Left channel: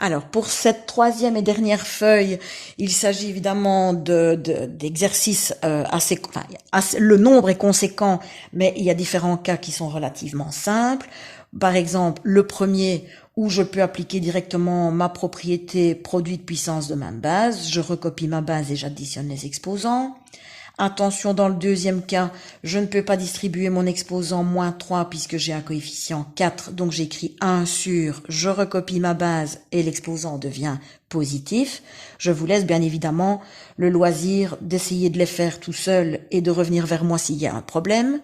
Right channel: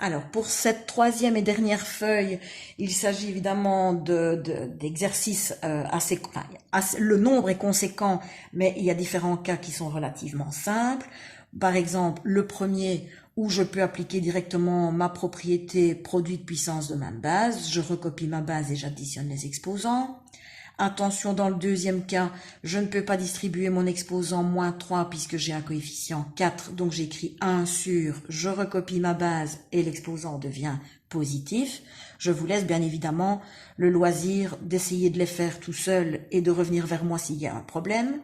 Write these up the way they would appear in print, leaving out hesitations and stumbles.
Alors, pour cette troisième et dernière feuille, il s'agit évidemment d'exercices le nombre est conséquent, mais il y a différents cas qui sont relativement simples. Par exemple, le premier où je peux appliquer directement ma propriété produit de puissance de ma base, je recopie ma base et j'additionne les exposants. Attention, dans le deuxième cas, je ne peux pas distribuer mon exposant moins 3 puisque j'ai un coefficient 4, donc j'écris 1 sur, je recopie ma base et l'exposant devient positif. Je vous laisse bien évidemment le loisir d'essayer de les faire tout seul et de revenir vers moi s'il y a un problème.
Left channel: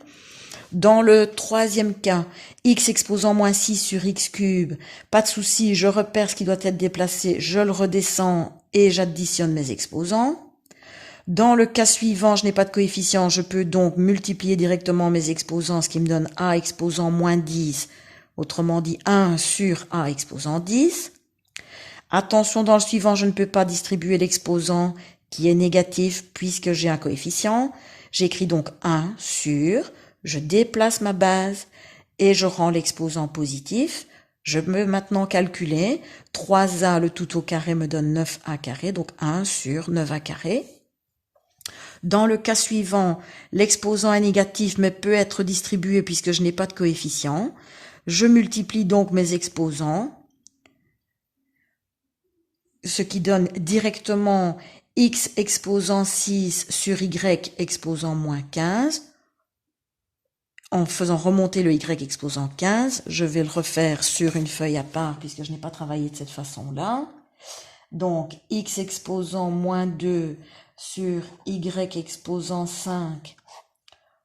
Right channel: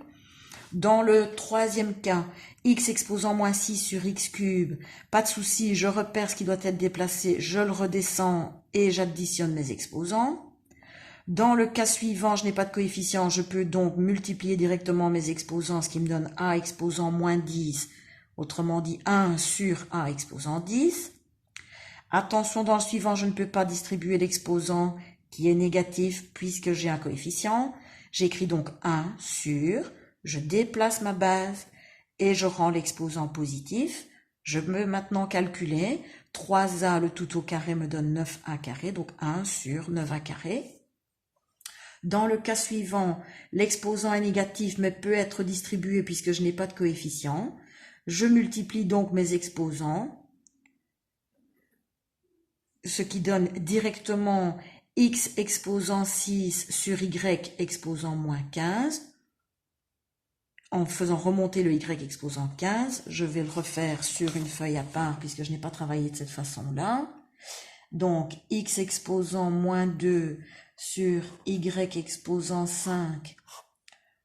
Dans le troisième cas, x exposant moins 6 sur x cube, pas de souci, je repère ce qui doit être déplacé, je le redescends et j'additionne mes exposants. Dans le cas suivant, je n'ai pas de coefficient, je peux donc multiplier directement mes exposants, ce qui me donne a exposant moins 10, autrement dit 1 sur a exposant 10. Attention, dans le suivant, je ne peux pas distribuer l'exposant qui est négatif puisque j'ai un coefficient. J'écris donc 1 sur, je déplace ma base et je rends l'exposant positif. Je peux maintenant calculer 3a le tout au carré me donne 9a carré, donc 1 sur 9a carré. Dans le cas suivant, l'exposant est négatif mais peut être distribué puisque je n'ai pas de coefficient. Je multiplie donc mes exposants, ce qui donne directement x exposant 6 sur y exposant moins 15. En faisant remonter le y exposant 15, je vais le refaire sur une feuille à part puisque je n'ai pas travaillé de cette façon-là. Donc, x exposant moins 2 sur y exposant 5,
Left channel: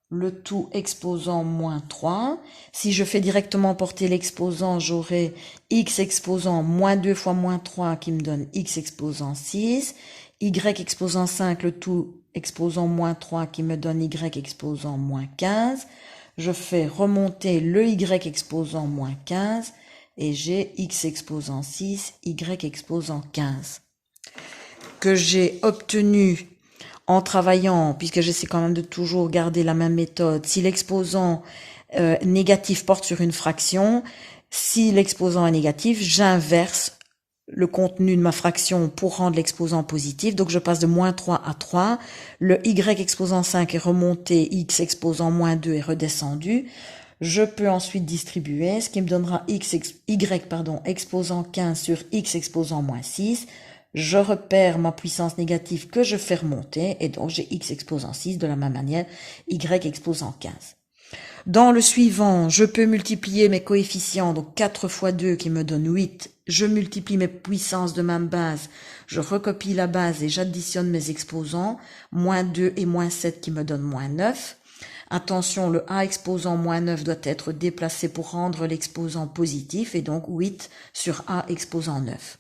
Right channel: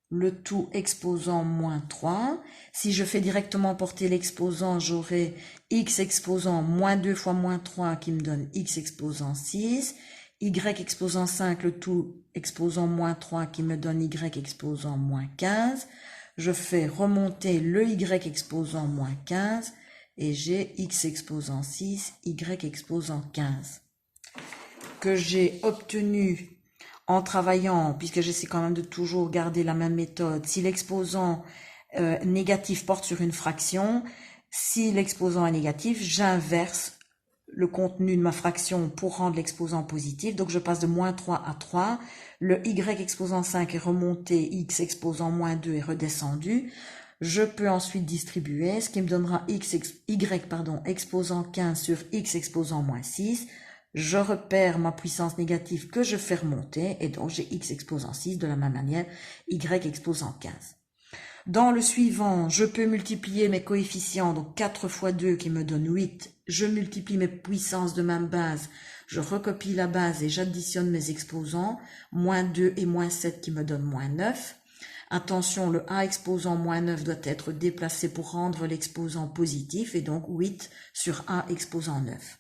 le tout exposant moins 3. Si je fais directement porter l'exposant, j'aurai x exposant moins 2 fois moins 3 qui me donne x exposant 6, y exposant 5, le tout exposant moins 3 qui me donne y exposant moins 15. Je fais remonter le y exposant moins 15 et j'ai x exposant 6, y exposant 15. Que j'ai obtenu en travaillant, puisque j'essaie quand même de toujours garder la même méthode, si l'exposant négatif porte sur une fraction, si l'exposant est négatif, j'inverse le contenu de ma fraction pour rendre l'exposant positif. Donc je passe de moins 3 à 3. Le y exposant 5 est remonté, x exposant moins 2 est redescendu. Je peux ensuite distribuer, ce qui me donnera y exposant 15 sur x exposant moins 6. Je repère ma puissance négative que je fais remonter et donc j'ai x exposant 6 de la même manière, y exposant 15. Dans le suivant, je peux multiplier mes coefficients, donc 4 fois 2 qui me donne 8. Je multiplie mes puissances de ma base, je recopie la base et j'additionne mes exposants, moins 2 et moins 7 qui me donnent moins 9. Attention, le a exposant moins 9 doit être déplacé pour rendre l'exposant positif et donc 8 sur a exposant 9.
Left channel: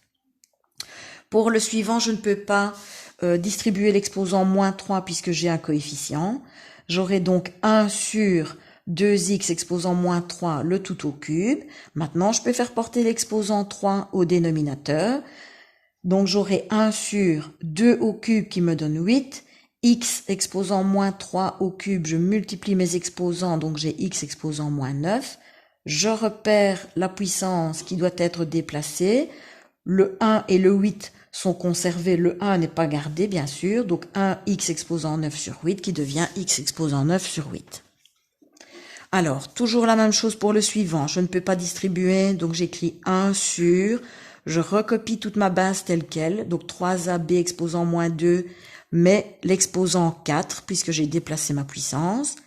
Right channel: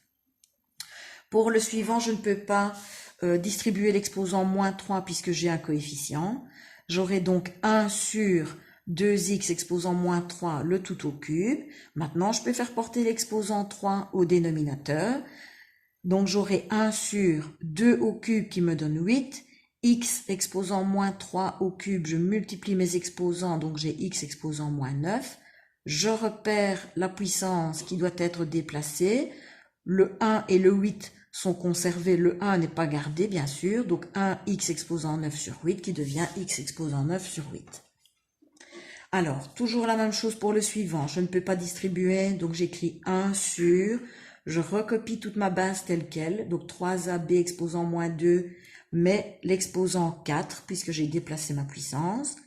Pour le suivant, je ne peux pas distribuer l'exposant moins 3 puisque j'ai un coefficient. J'aurai donc 1 sur 2x exposant moins 3, le tout au cube. Maintenant, je peux faire porter l'exposant 3 au dénominateur. Donc, j'aurai 1 sur 2 au cube qui me donne 8. X exposant moins 3 au cube, je multiplie mes exposants, donc j'ai x exposant moins 9. Je repère la puissance qui doit être déplacée. Le 1 et le 8 sont conservés, le 1 n'est pas gardé bien sûr, donc 1 x exposant 9 sur 8 qui devient x exposant 9 sur 8. Alors, toujours la même chose pour le suivant, je ne peux pas distribuer, donc j'écris 1 sur, je recopie toute ma base telle quelle, donc 3ab exposant moins 2, mais l'exposant 4, puisque j'ai déplacé ma puissance.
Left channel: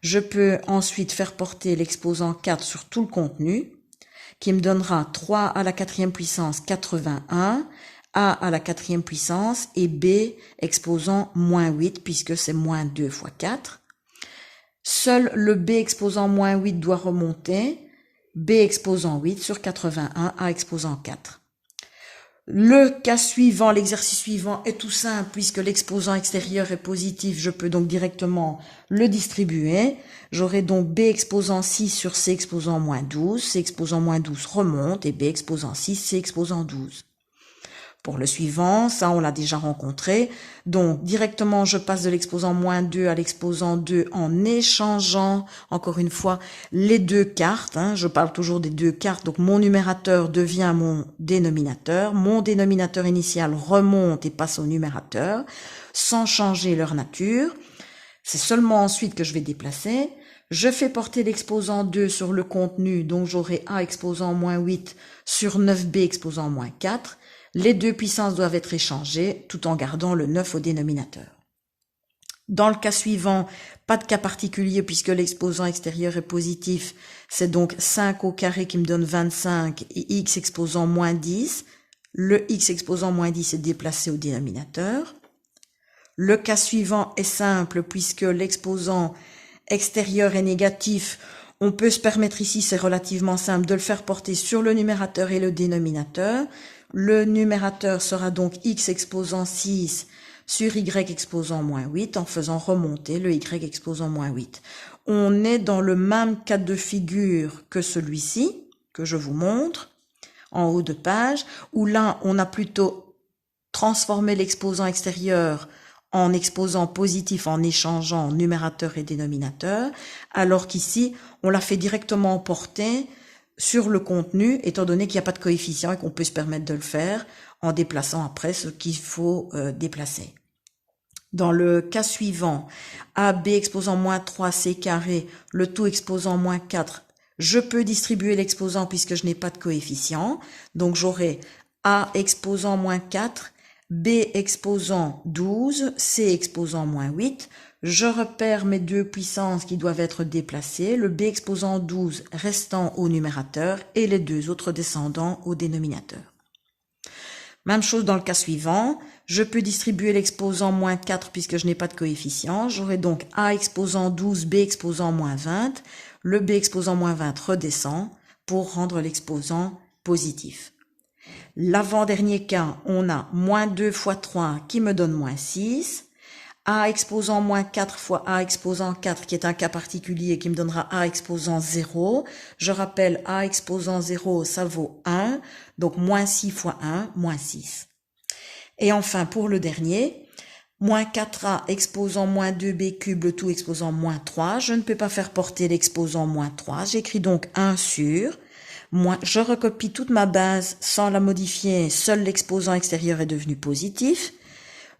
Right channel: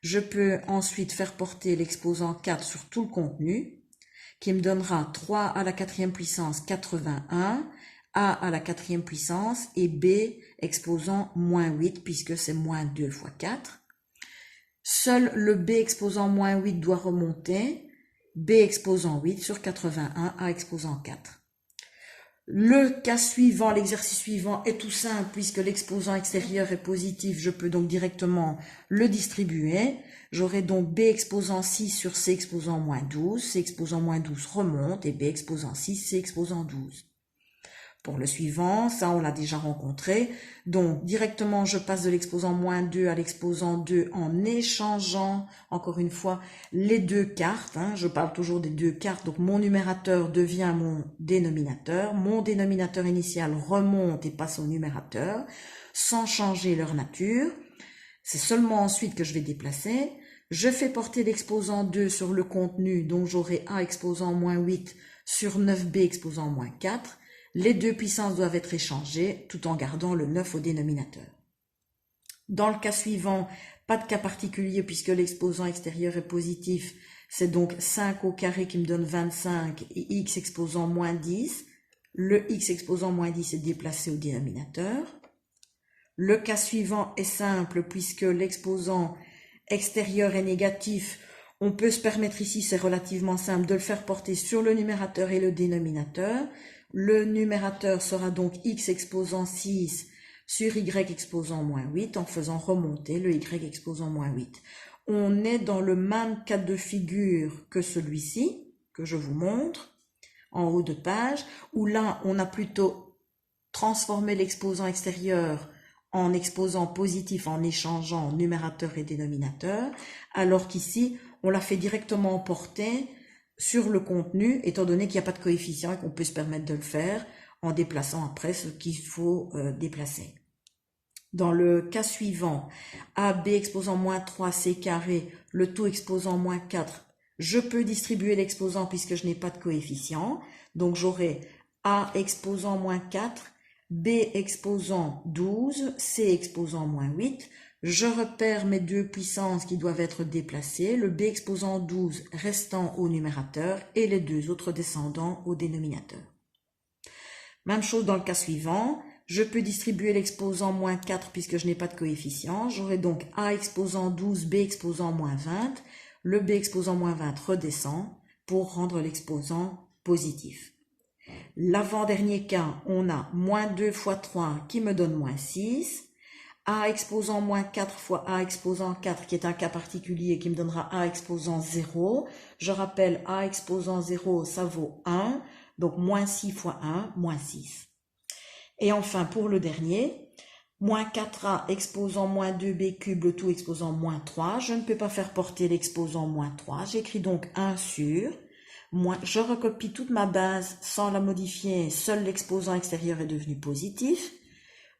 Je peux ensuite faire porter l'exposant 4 sur tout le contenu, qui me donnera 3 à la quatrième puissance 81, a à la quatrième puissance et b exposant moins 8 puisque c'est moins 2 fois 4. Seul le b exposant moins 8 doit remonter, b exposant 8 sur 81, a exposant 4. Le cas suivant, l'exercice suivant est tout simple puisque l'exposant extérieur est positif, je peux donc directement le distribuer. J'aurai donc b exposant 6 sur c exposant moins 12, c exposant moins 12 remonte et b exposant 6, c exposant 12. Pour le suivant, ça on l'a déjà rencontré. Donc directement je passe de l'exposant moins 2 à l'exposant 2 en échangeant encore une fois les deux cartes. Je parle toujours des deux cartes. Donc mon numérateur devient mon dénominateur. Mon dénominateur initial remonte et passe au numérateur sans changer leur nature. C'est seulement ensuite que je vais déplacer. Je fais porter l'exposant 2 sur le contenu, donc j'aurai A exposant moins 8 sur 9B exposant moins 4. Les deux puissances doivent être échangées tout en gardant le 9 au dénominateur. Dans le cas suivant, pas de cas particulier puisque l'exposant extérieur est positif. C'est donc 5 au carré qui me donne 25 et x exposant moins 10. Le x exposant moins 10 est déplacé au dénominateur. Le cas suivant est simple puisque l'exposant extérieur est négatif. On peut se permettre ici, c'est relativement simple, de le faire porter sur le numérateur et le dénominateur. Le numérateur sera donc x exposant 6 sur y exposant moins 8 en faisant remonter le y exposant moins 8. On est dans le même cas de figure que celui-ci, que je vous montre, en haut de page, où là, on a plutôt transformé l'exposant extérieur en exposant positif en échangeant numérateur et dénominateur, alors qu'ici, on l'a fait directement porter sur le contenu, étant donné qu'il n'y a pas de coefficient et qu'on peut se permettre de le faire en déplaçant après ce qu'il faut déplacer. Dans le cas suivant, AB exposant moins 3, C carré, le tout exposant moins 4, je peux distribuer l'exposant puisque je n'ai pas de coefficient. Donc j'aurai A exposant moins 4, B exposant 12, C exposant moins 8. Je repère mes deux puissances qui doivent être déplacées, le B exposant 12 restant au numérateur et les deux autres descendants au dénominateur. Même chose dans le cas suivant, je peux distribuer l'exposant moins 4 puisque je n'ai pas de coefficient. J'aurai donc A exposant 12, B exposant moins 20. Le B exposant moins 20 redescend pour rendre l'exposant positif. L'avant-dernier cas, on a moins 2 fois 3 qui me donne moins 6. A exposant moins 4 fois A exposant 4 qui est un cas particulier qui me donnera A exposant 0. Je rappelle A exposant 0 ça vaut 1. Donc moins 6 fois 1, moins 6. Et enfin pour le dernier, moins 4A exposant moins 2B cube, le tout exposant moins 3. Je ne peux pas faire porter l'exposant moins 3. J'écris donc 1 sur. Je recopie toute ma base sans la modifier. Seul l'exposant extérieur est devenu positif.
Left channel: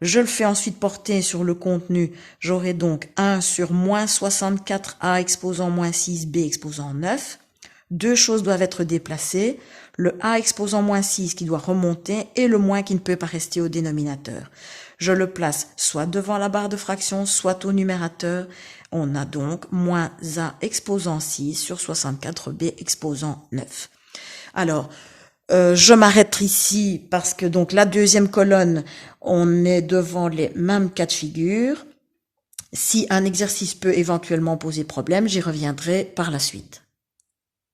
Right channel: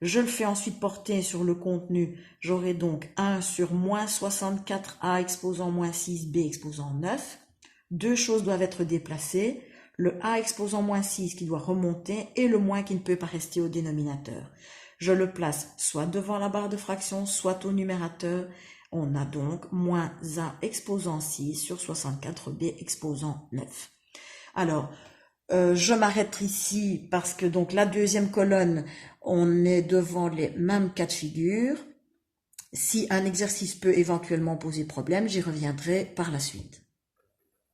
Je le fais ensuite porter sur le contenu. J'aurai donc 1 sur moins 64A exposant moins 6B exposant 9. Deux choses doivent être déplacées. Le A exposant moins 6 qui doit remonter et le moins qui ne peut pas rester au dénominateur. Je le place soit devant la barre de fraction, soit au numérateur. On a donc moins A exposant 6 sur 64B exposant 9. Alors, je m'arrête ici parce que donc la deuxième colonne, on est devant les mêmes cas de figure. Si un exercice peut éventuellement poser problème, j'y reviendrai par la suite.